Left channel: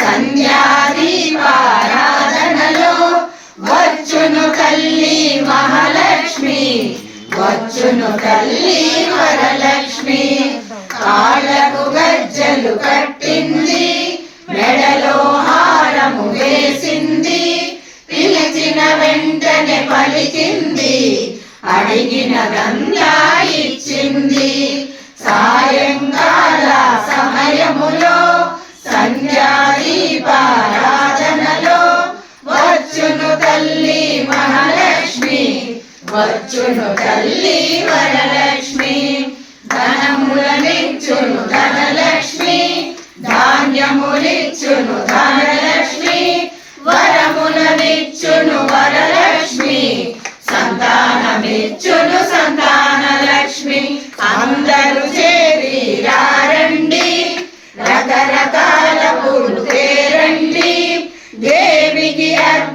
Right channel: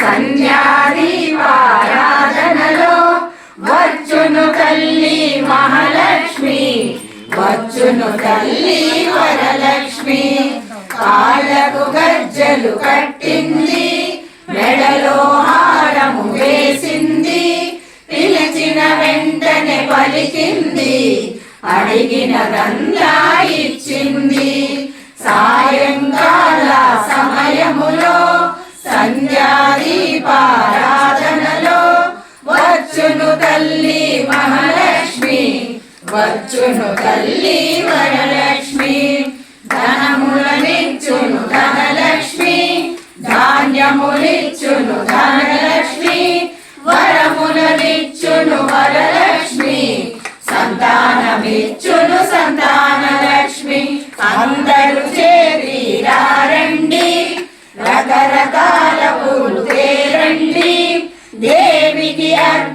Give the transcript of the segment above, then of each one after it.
సంధ్యాదీపారాధనలో వచ్చును తల్లి మహాలక్ష్మి వచ్చును తల్లి వరలక్ష్మి. కాళ్ళకు గజ్జలు కట్టింది మెడలో హారము వేసింది. పిలిచిన వెంటనే పలికింది అడిగినదంతా ఇచ్చింది. సాయంకాల సమయములో సంధ్యాదీపారాధనలో వచ్చును తల్లి మహాలక్ష్మి వచ్చును తల్లి వరలక్ష్మి.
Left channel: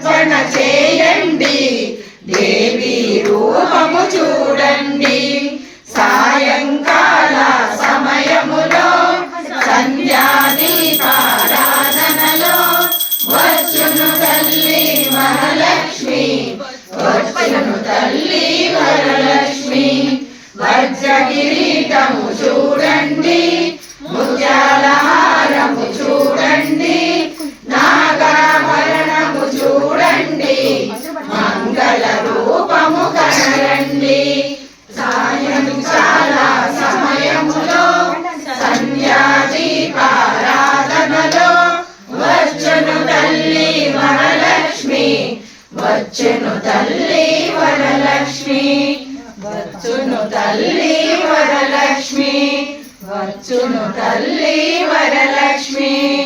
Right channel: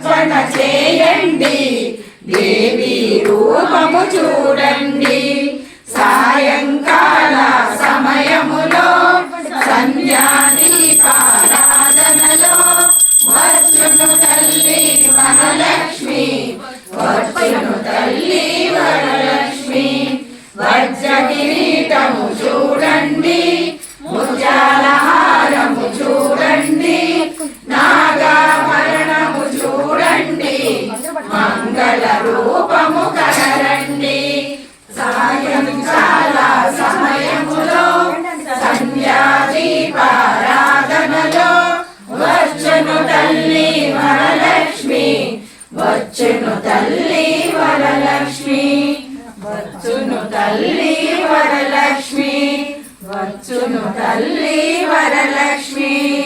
అర్పణ చేయండి. దేవి రూపము చూడండి. సాయంకాల సమయములో సంధ్యాదీపారాధనలో వచ్చును తల్లి వరలక్ష్మి వచ్చును తల్లి వరలక్ష్మి వజ్ర కిరీటము వచ్చును తల్లి వరలక్ష్మి. వచ్చును తల్లి వరలక్ష్మి. వచ్చును తల్లి వరలక్ష్మి.